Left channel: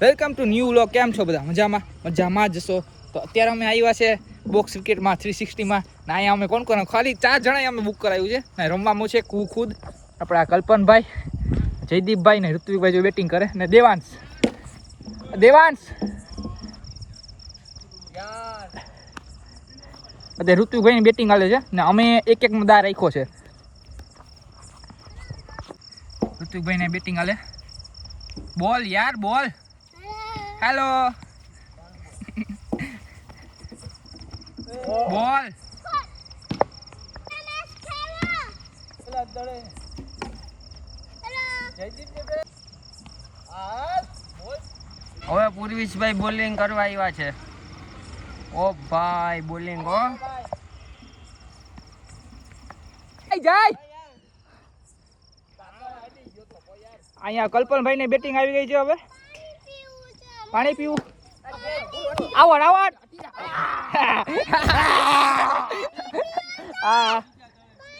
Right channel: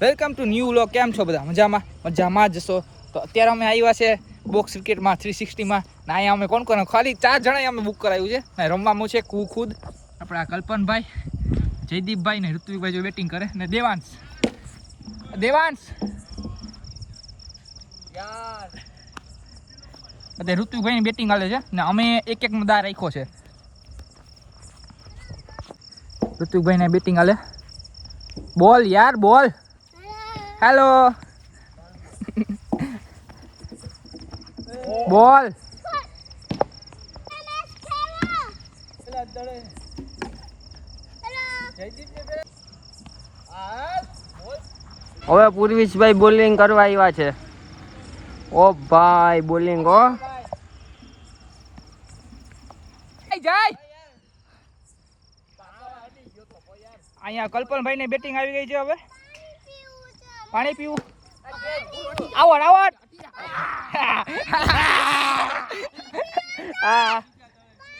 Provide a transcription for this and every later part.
Welcome to new vlog. કેમ છો બધા? મજામાં જશો. તો અત્યારે અમે આવ્યા છે બોક્સ ક્રિકેટમાં 360માં ને અહીંયા અમે કોણ ખાલી 4 જણા અમે બુક કરાવ્યું છે ને રમવામાં છે ખુદ આપણા કલ્પનભાઈ, જયદીપભાઈ ને ઋત્વિકભાઈ જો બેટિંગ કરે ને દેવાંશ અત્યારે ઋત્વિકભાઈની બેટિંગ હાલે છે ને અમે એક દા રાખ્યો છે. ઋત્વિકભાઈને બેટિંગ હાલે. બોલ યાર બોલ. હેલો બોલ. હવે પૂર્વીશભાઈ બોલિંગ કરવા આવ્યા છે. ઓ ભાઈ બોલિંગ હો. જાય અહીંયા કલ્પનભાઈ ને બેટિંગ આવી ગઈ છે. હવે પાણી પીવું. આવડ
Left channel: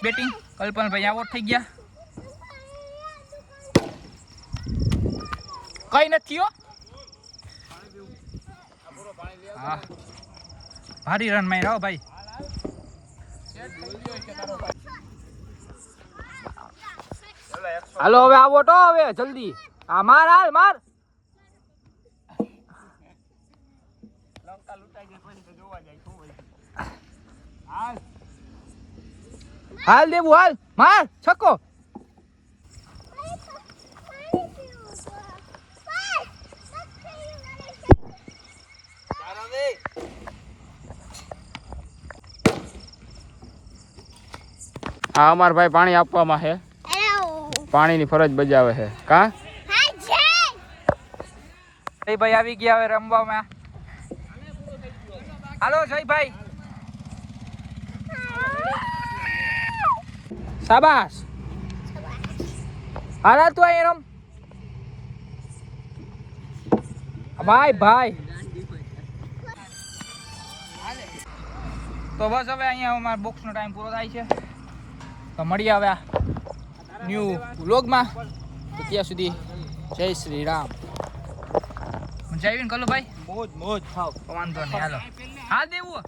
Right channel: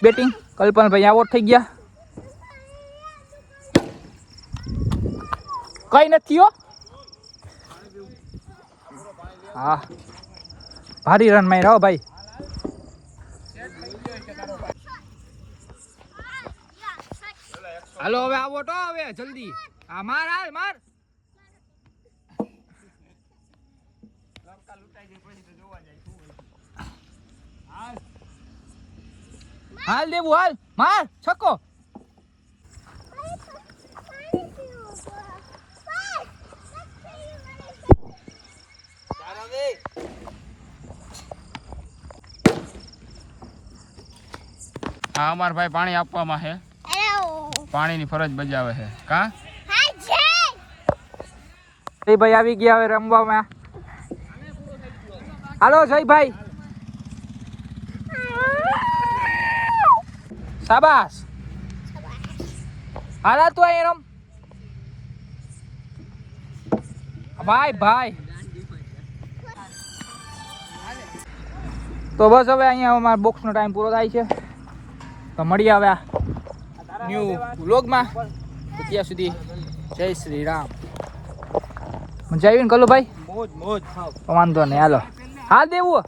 બેટિંગ કલ્પનભાઈ આઉટ થઈ ગયા. કઈ નથી હો. હા ભારી રન માર્યા હો ભાઈ. હાલો હવે આવો તો હવે જલ્દી. હા માર હાલ માર. હાલ દેવું હાલ માર છક્કો. હા અમાર ભાઈ પાણી આપવામાં છે. પાણીની ફરજ બજાવે છે. કા ભાઈ આવી ગયા હવે રમવામાં. હાલો જયભાઈ. શાબાશ. હાલા તું અહીં રમ ભાઈ. તો બસ હવે અહીંયા અમારા બોક્સનો ટાઈમ પૂરો થાય છે. તો મળીએ હવે ન્યૂ વ્લોગમાં. તો ત્યાં સુધી જય શ્રી રામ. મજા આવી ને કલુભાઈ? મોજ વાંધો નહીં. હાલો હાલ દેવું.